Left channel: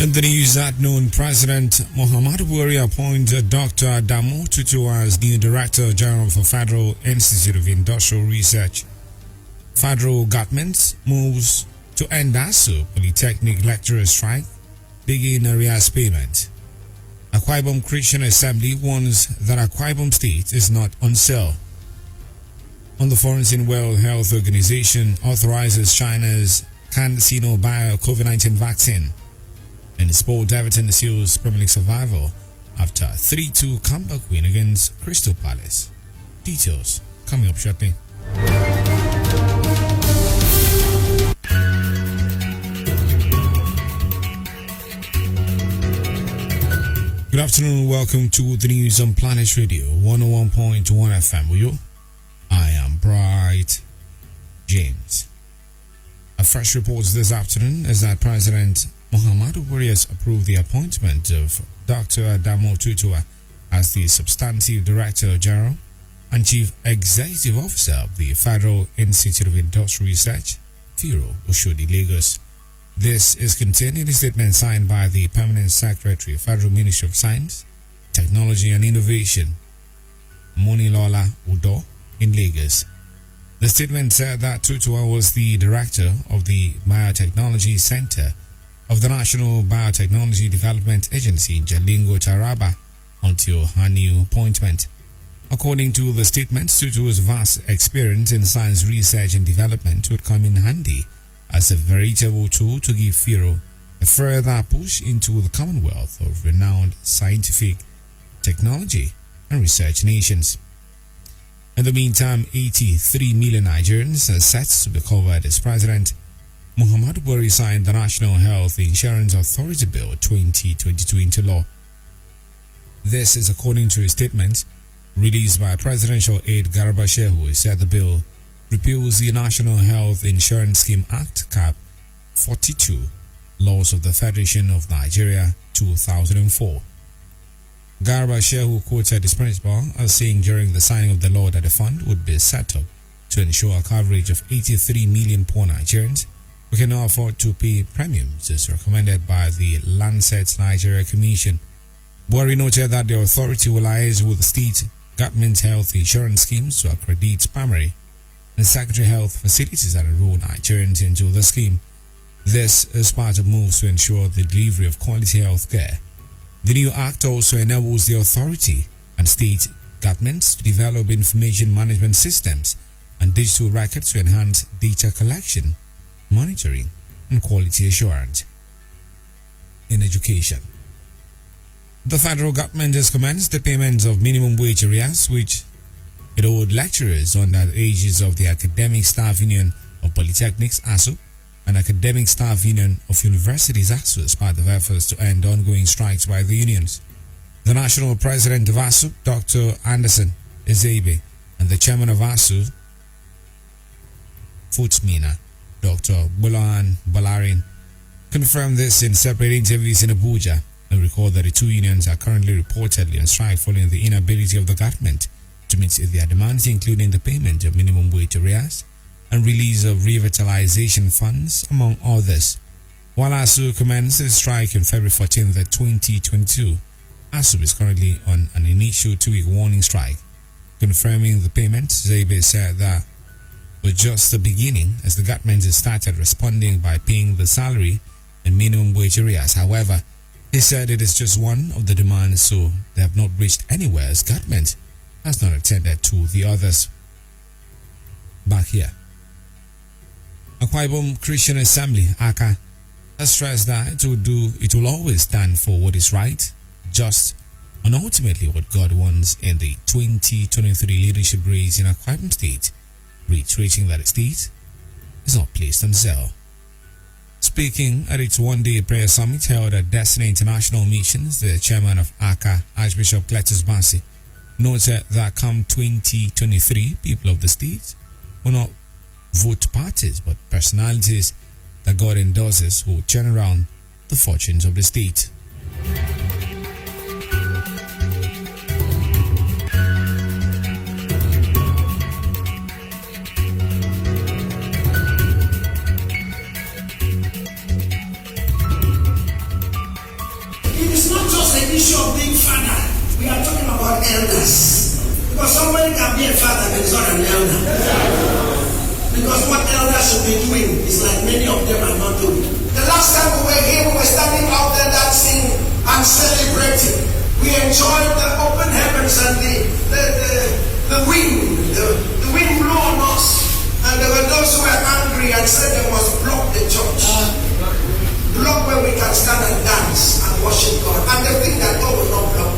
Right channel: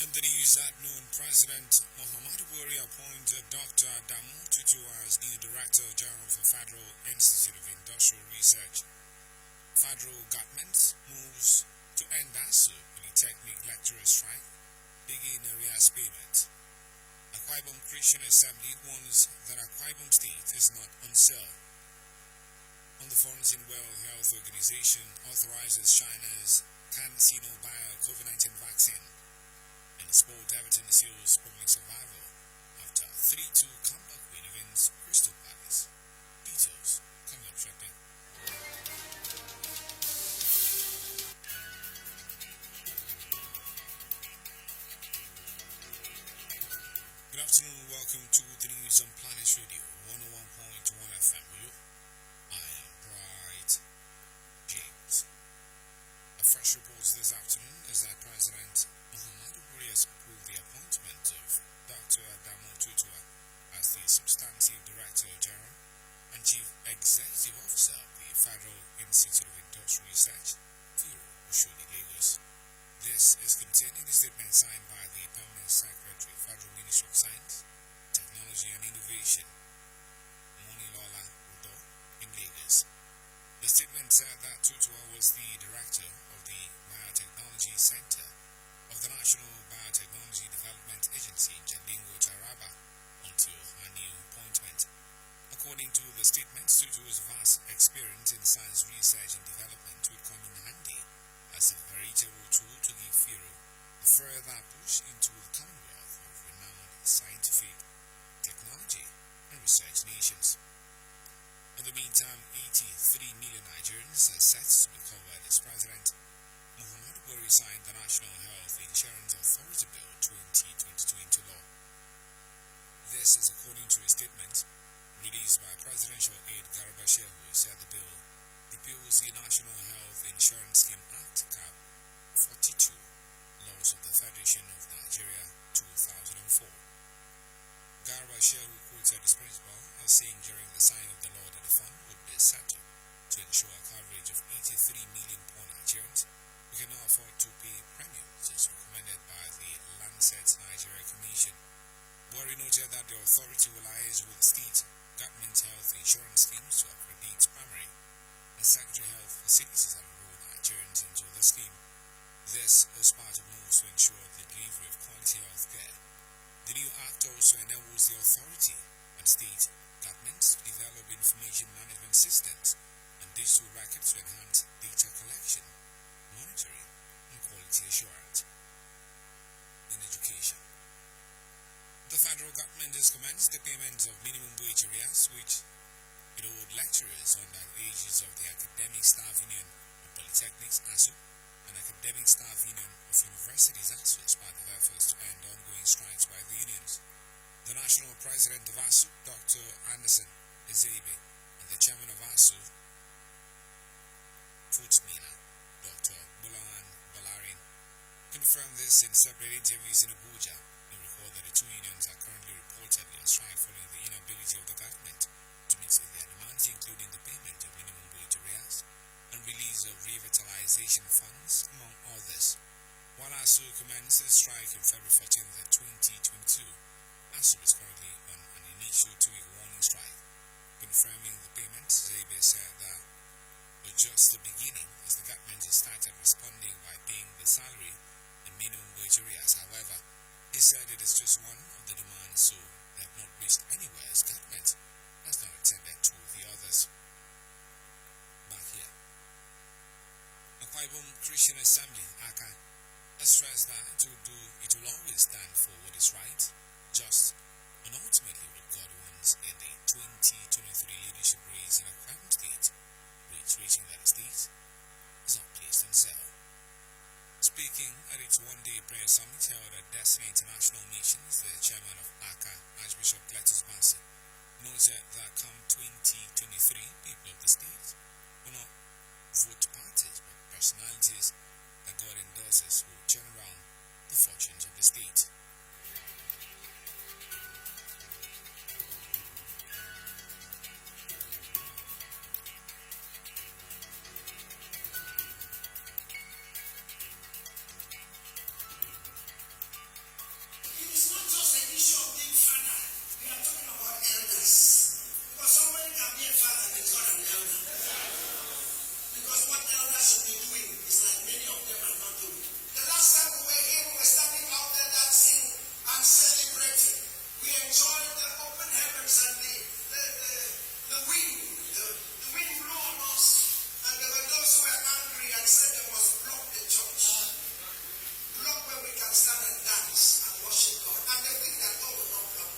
In the news at noon, President Munammadu Buhari appointed Dr. Adamu Tutuwa as new Director General for Federal Institute of Industrial Research. Federal government moves to end ASUU polytechnic lecturer strike, begin arrears payment. Akwa Ibom Christian Assembly warns that Akwa Ibom State is not on sale. On the Foreign World Health Organization authorizes China's CanSinoBIO COVID-19 vaccine. In sport, Everton seals Premier League survival after 3-2 comeback win against Crystal Palace. Details coming up shortly. Good afternoon, welcome to the news on Planet Radio 101.1 FM with you. I am Bright James. A fresh report this afternoon is that President Munammadu Buhari has approved the appointment of Dr. Adamu Tutuwa as the Substantive Director General and Chief Executive Officer of the Federal Institute of Industrial Research, FIRO, Oshodi, Lagos. This is contained in a statement signed by the Permanent Secretary of Federal Ministry of Science, Technology and Innovation, Monilola Udo, in Lagos. The statement said that Tutuwa was the Director of the Biotechnology Center of the National Biotechnology Development Agency, Jalingo Taraba, until her new appointment. According to the statement, Tutuwa's vast experience in science research and development would come in handy as a veritable tool to give FIRO a further push into the Commonwealth of renowned scientific, technology, and research nations. In the meantime, 83 million Nigerians are set to be covered as President Munammadu Buhari signed the National Health Insurance Authority Bill 2022 into law. This is according to a statement released by Presidential Aide Garba Shehu, who said the bill repeals the National Health Insurance Scheme Act Cap 42, Laws of the Federation of Nigeria 2004. Garba Shehu quoted his principal as saying during the signing of the law that the fund would be set up to ensure coverage of 83 million poor Nigerians who cannot afford to pay premiums as recommended by the Lancet Nigeria Commission. Buhari noted that the authority will liaise with state government health insurance schemes to accredit primary and secondary health facilities that enroll Nigerians into the scheme. This is part of moves to ensure the delivery of quality health care. The new act also enables the authority and state governments to develop information management systems and digital records to enhance data collection, monitoring, and quality assurance. In education, the federal government has commenced the payment of minimum wage arrears, which it owed lecturers under the aegis of the Academic Staff Union of Polytechnics, ASSU, and Academic Staff Union of Universities, ASSU, as part of efforts to end ongoing strikes by the unions. The national president of ASSU, Dr. Anderson Ezebe, and the chairman of ASSU, Futsmina, Dr. Bulan Balarin, confirmed this in separate interviews in Abuja and recalled that the two unions are currently reportedly on strike following the inability of the government to meet their demands, including the payment of minimum wage arrears and release of revitalization funds, among others. While ASSU commenced its strike on February 14, 2022, ASSU is currently on an initial 2-week warning strike. Confirming the payment, Zebe said that was just the beginning as the government has started responding by paying the salary and minimum wage arrears. However, he said it is just one of the demands, so they have not reached anywhere as government has not attended to the others. Back here, Akwa Ibom Christian Assembly, AKA, has stressed that it will always stand for what is right, just, and ultimately what God wants in the 2023 leadership race in Akwa Ibom State, reiterating that the state is not placed on sale. Speaking at its one-day prayer summit held at Destiny International Missions, the chairman of AKA, Archbishop Cletus Bassi, noted that come 2023, people of the state will not vote parties but personalities that God endorses who will turn around the fortunes of the state. issue of being father, we are talking about elders. Because somebody can be a father but is not an elder. Because what elders should be doing is like many of them are not doing. The last time we were here, we were standing out there dancing and celebrating. We enjoyed the open heavens and the wind. The wind blew on us. And there were those who were angry and said they must block the church. Block where we can stand and dance and worship God. And they think that God will not block.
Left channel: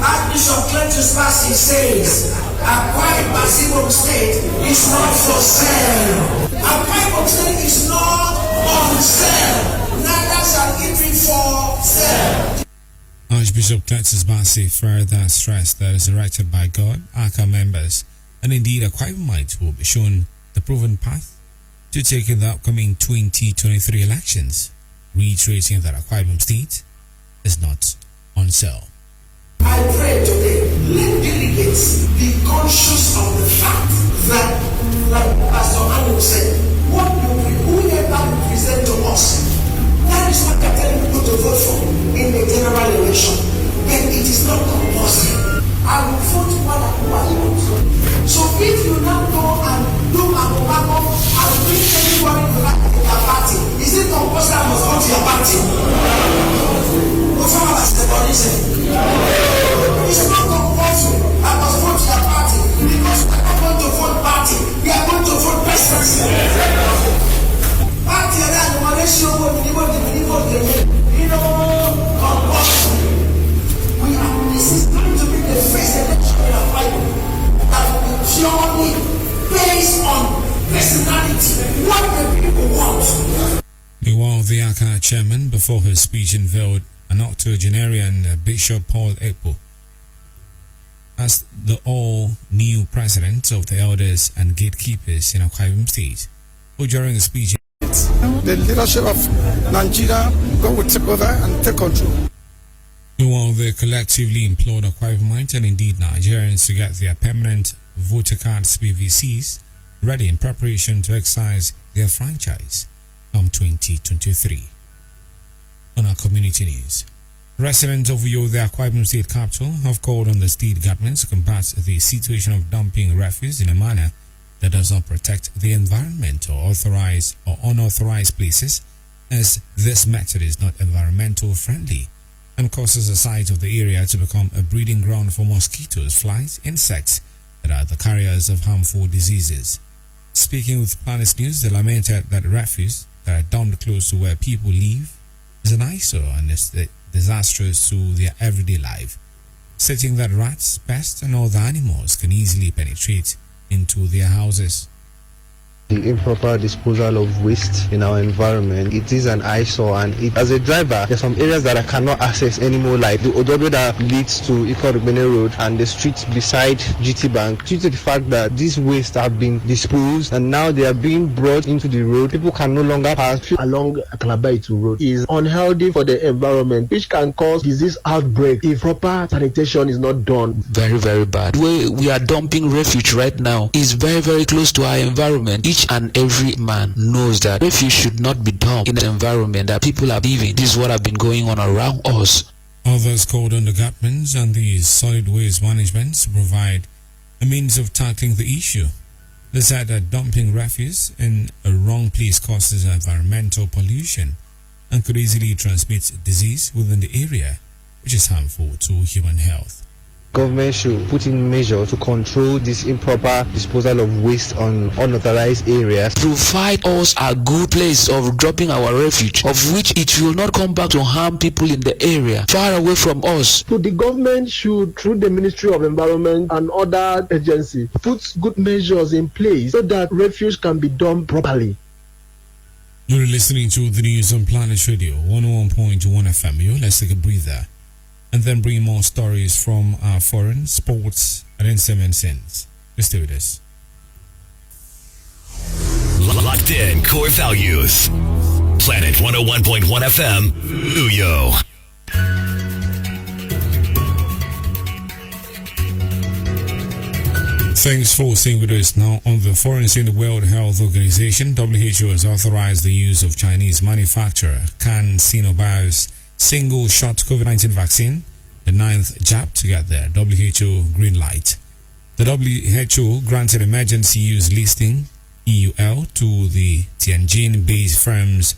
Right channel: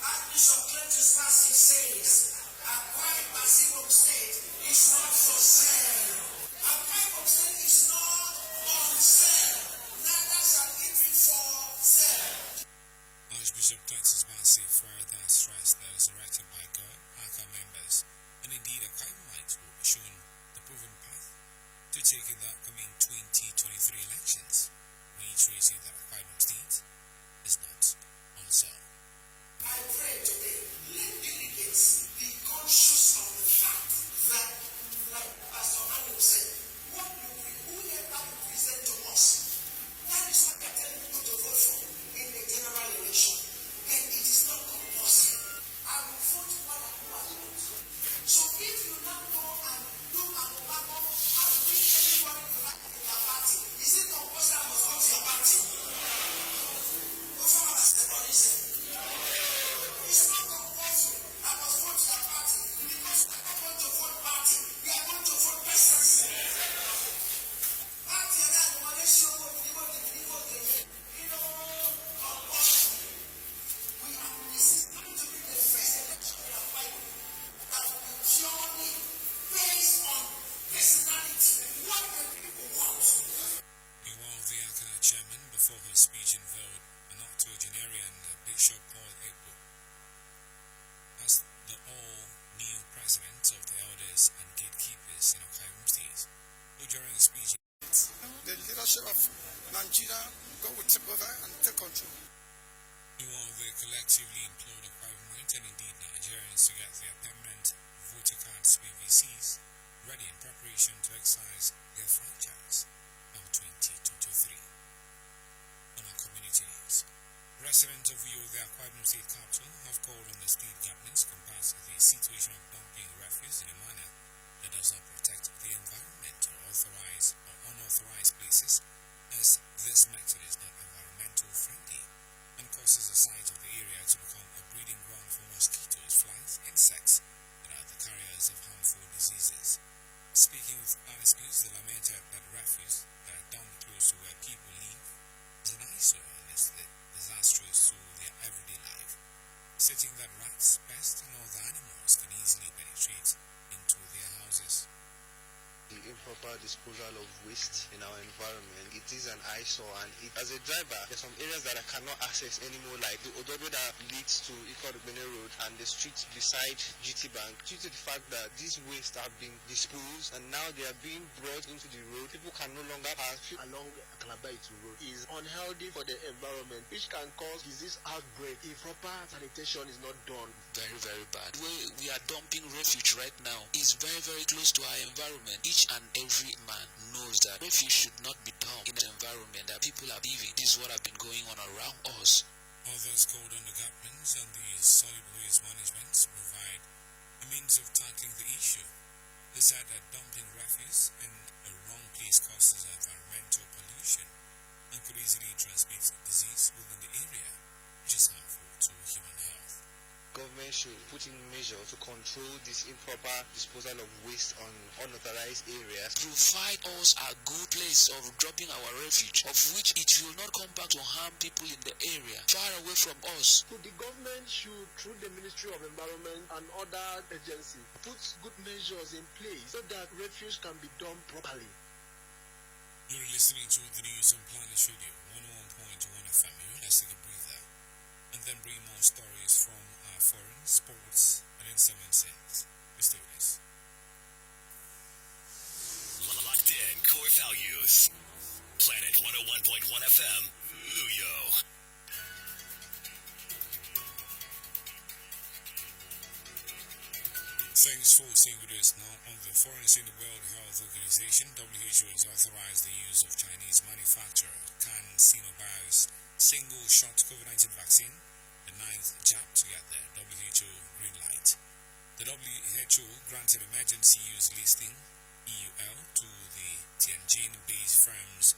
Archbishop Cletus Passy says, Akwa Ibom State is not for sale. Akwa Ibom State is not on sale. Neither shall it be for sale. Archbishop Cletus Passy further stressed that it's erected by God, ACA members, and indeed Akwa Ibomites will be shown the proven path to take in the upcoming 2023 elections, reiterating that Akwa Ibom State is not on sale. I pray today, let delegates be conscious of the fact that, like Pastor Adamu said, whoever you present to us, that is what they're telling people to vote for in the general election. But it is not compulsory. I will vote what I want. So if you now go and do a tobacco and bring anybody to that your party, is it compulsory I must vote your party? It's not compulsory. I must vote your party because we are not going to vote party. We are going to vote persons. Party and compulsory. This is going to be the first election in our Bible that will be purely based on personality. What the people want. Meanwhile, the ACA chairman, before his speech, unveiled an octogenarian Bishop Paul Ekpo as the all-new president of the elders and gatekeepers in Akwa Ibom State, who during the speech, the leadership of Nigeria go will take over and take control. Meanwhile, they collectively implored Akwa Ibomites and indeed Nigerians to get their permanent voter cards PVCs ready in preparation to exercise their franchise come 2023. On our community news, residents of Uyo, the Akwa Ibom State capital, have called on the state government to combat the situation of dumping refuse in a manner that does not protect the environment or authorized or unauthorized places, as this method is not environmental friendly and causes the sites of the area to become a breeding ground for mosquitoes, flies, insects that are the carriers of harmful diseases. Speaking with Planet News, they lamented that refuse that are dumped close to where people live is an eyesore and is disastrous to their everyday life, stating that rats, pests, and other animals can easily penetrate into their houses. The improper disposal of waste in our environment, it is an eyesore, and as a driver, there's some areas that I cannot access anymore, like the Odobe that leads to Ikot Road and the streets beside GT Bank, due to the fact that these wastes have been disposed and now they are being brought into the road. People can no longer pass along CanSinoBIO road. It is unhealthy for the environment, which can cause disease outbreak if proper sanitation is not done. Very, very bad. Where we are dumping refuge right now is very, very close to our environment. Each and every man knows that refuge should not be dumped in the environment that people are living. This is what has been going on around us. Others called on the governments and the solid waste management to provide a means of tackling the issue. They said that dumping refuse in a wrong place causes environmental pollution and could easily transmit disease within the area, which is harmful to human health. Government should put in measures to control this improper disposal of waste on unauthorized areas. Provide us a good place of dropping our refuge, of which it will not come back to harm people in the area, far away from us. So the government should, through the Ministry of Environment and other agencies, put good measures in place so that refuge can be done properly. You're listening to the news on Planet Radio 101.1 FM. Let's take a breather and then bring more stories from our foreign, sports, and entertainment scenes. Let's do this. Locked in core values. Planet 101.1 FM, Uyo. Thanks for staying with us. Now, on the foreign scene, the World Health Organization, WHO, has authorized the use of Chinese manufacturer CanSinoBIO's single-shot COVID-19 vaccine the 9th jab to get the WHO green light. The WHO granted emergency use listing EUL to the Tianjin-based firm's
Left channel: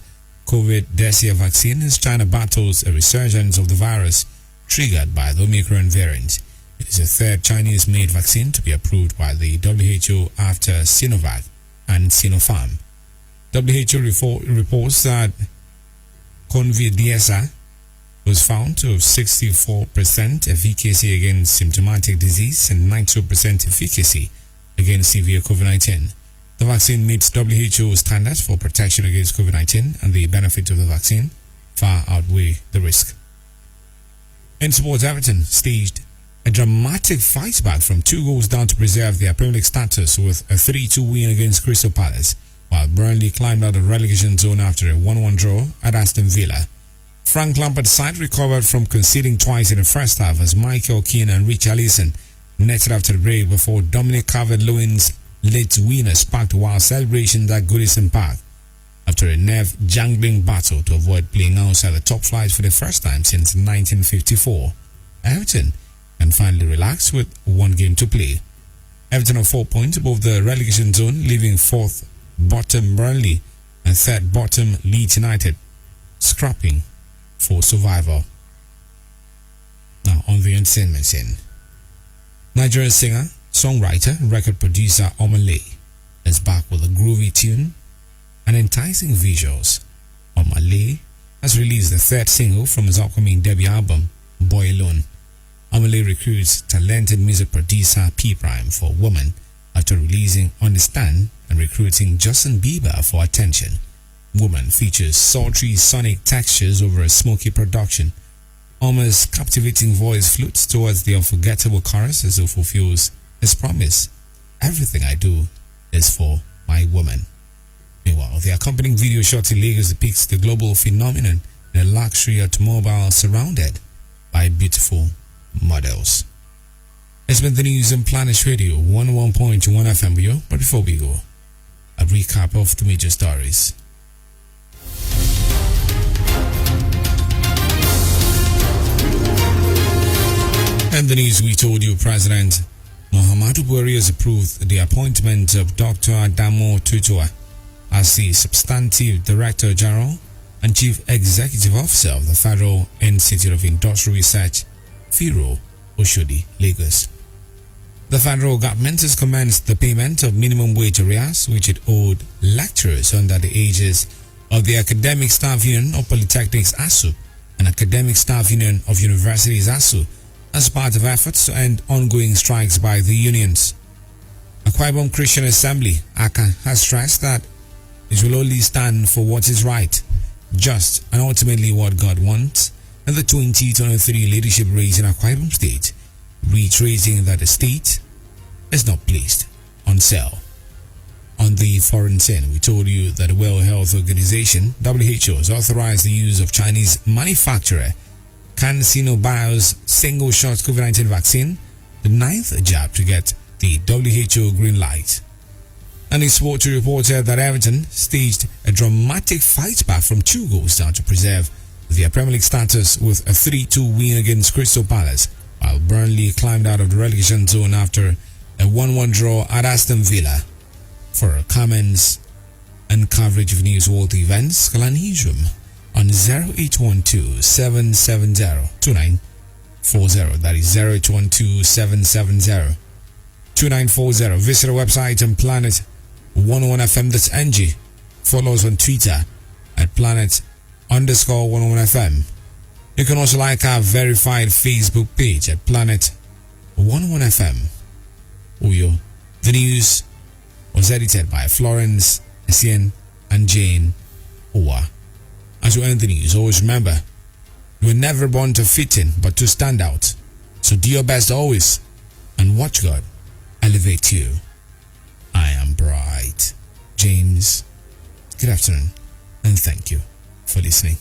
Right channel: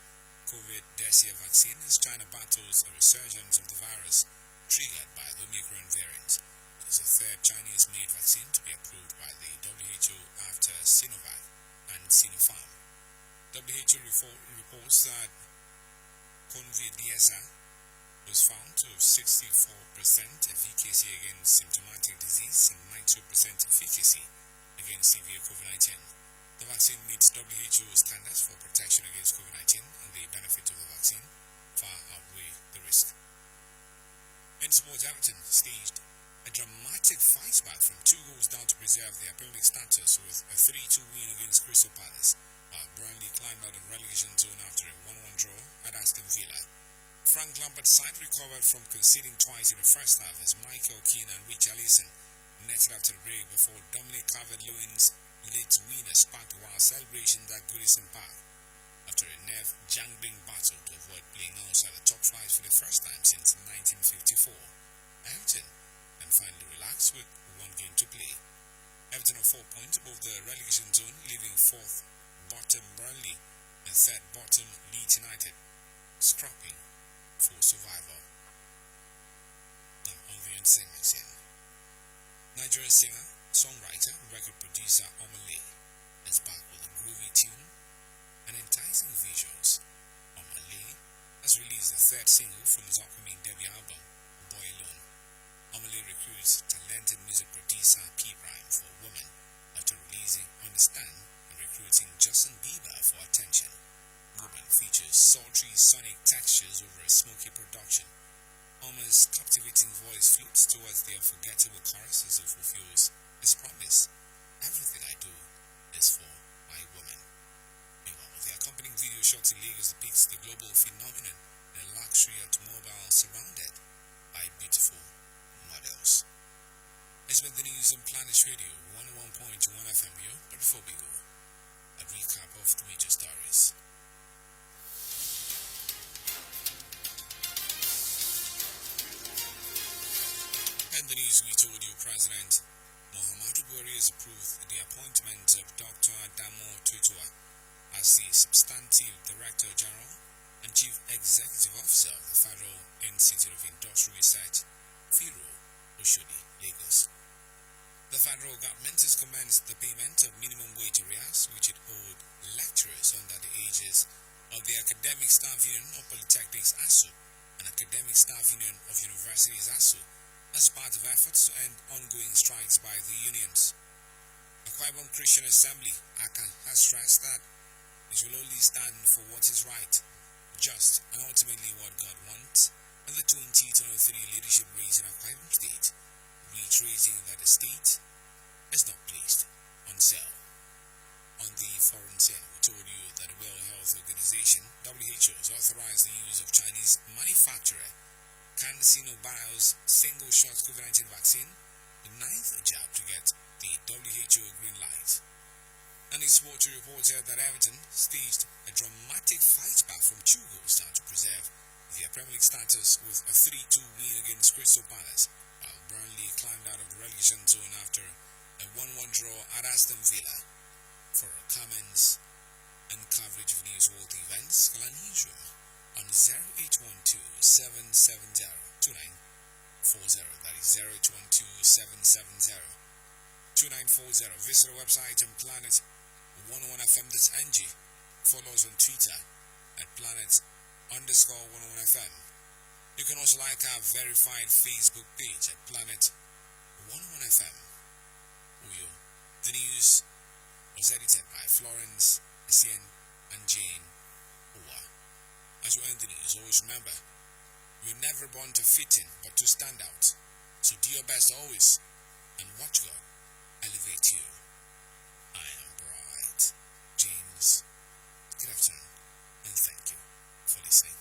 COVID-19 vaccine as China battles a resurgence of the virus triggered by the Omicron variant. It is the third Chinese-made vaccine to be approved by the WHO after Sinovac and Sinopharm. WHO reports that Convidiasa was found to have 64% efficacy against symptomatic disease and 92% efficacy against severe COVID-19. The vaccine meets WHO standards for protection against COVID-19, and the benefits of the vaccine far outweigh the risk. In sports, Everton staged a dramatic fight back from 2 goals down to preserve their Premier League status with a 3-2 win against Crystal Palace, while Burnley climbed out of relegation zone after a 1-1 draw at Aston Villa. Frank Lampard's side recovered from conceding twice in the first half as Michael Keane and Richarlison netted after the break before Dominic Calvert-Lewin's late winner sparked wild celebrations at Goodison Park after a nerve-jangling battle to avoid playing outside the top flight for the first time since 1954. Everton can finally relax with 1 game to play. Everton are 4 points above the relegation zone, leaving 4th bottom Burnley and 3rd bottom Leeds United scrapping for survival. Now on the entertainment scene, Nigerian singer, songwriter, record producer Omale is back with a groovy tune and enticing visuals. Omale has released the 3rd single from his upcoming debut album, Boy Alone. Omale recruits talented music producer P Prime for Woman after releasing Understand and recruiting Justin Bieber for Attention. Woman features sultry sonic textures over a smoky production. Oma's captivating voice flutes towards the unforgettable chorus as it fulfills his promise. Everything I do is for my woman. Meanwhile, the accompanying video shot in Lagos depicts the global phenomenon in a luxury automobile surrounded by beautiful models. It's been the news on Planet Radio 101.1 FM. But before we go, a recap of the major stories. And the news we told you, President Munammadu Buhari has approved the appointment of Dr. Adamu Tutuwa as the Substantive Director General and Chief Executive Officer of the Federal Institute of Industrial Research, FIRO, Oshodi, Lagos. The federal government has commenced the payment of minimum wage arrears which it owed lecturers under the aegis of the Academic Staff Union of Polytechnics ASSU and Academic Staff Union of Universities ASSU as part of efforts to end ongoing strikes by the unions. Akwa Ibom Christian Assembly, ACA, has stressed that it will only stand for what is right, just, and ultimately what God wants in the 2023 leadership race in Akwa Ibom State, reiterating that the state is not placed on sale. On the foreign scene, we told you that the World Health Organization, WHO, has authorized the use of Chinese manufacturer CanSinoBIO's single-shot COVID-19 vaccine, the 9th jab to get the WHO green light. And in sport, we reported that Everton staged a dramatic fight back from 2 goals down to preserve their Premier League status with a 3-2 win against Crystal Palace, while Burnley climbed out of the relegation zone after a 1-1 draw at Aston Villa. For comments and coverage of newsworthy events, call an newsroom on 0812-770-2940. That is 0812-770-2940. Visit our website on Planet101FM.ng. Follow us on Twitter at Planet_101FM. You can also like our verified Facebook page at Planet101FM. Uyo. The news was edited by Florence Essien and Jane Owa. As you end the news, always remember, you were never born to fit in, but to stand out. So do your best always, and watch God elevate you. I am Bright James. Good afternoon, and thank you for listening.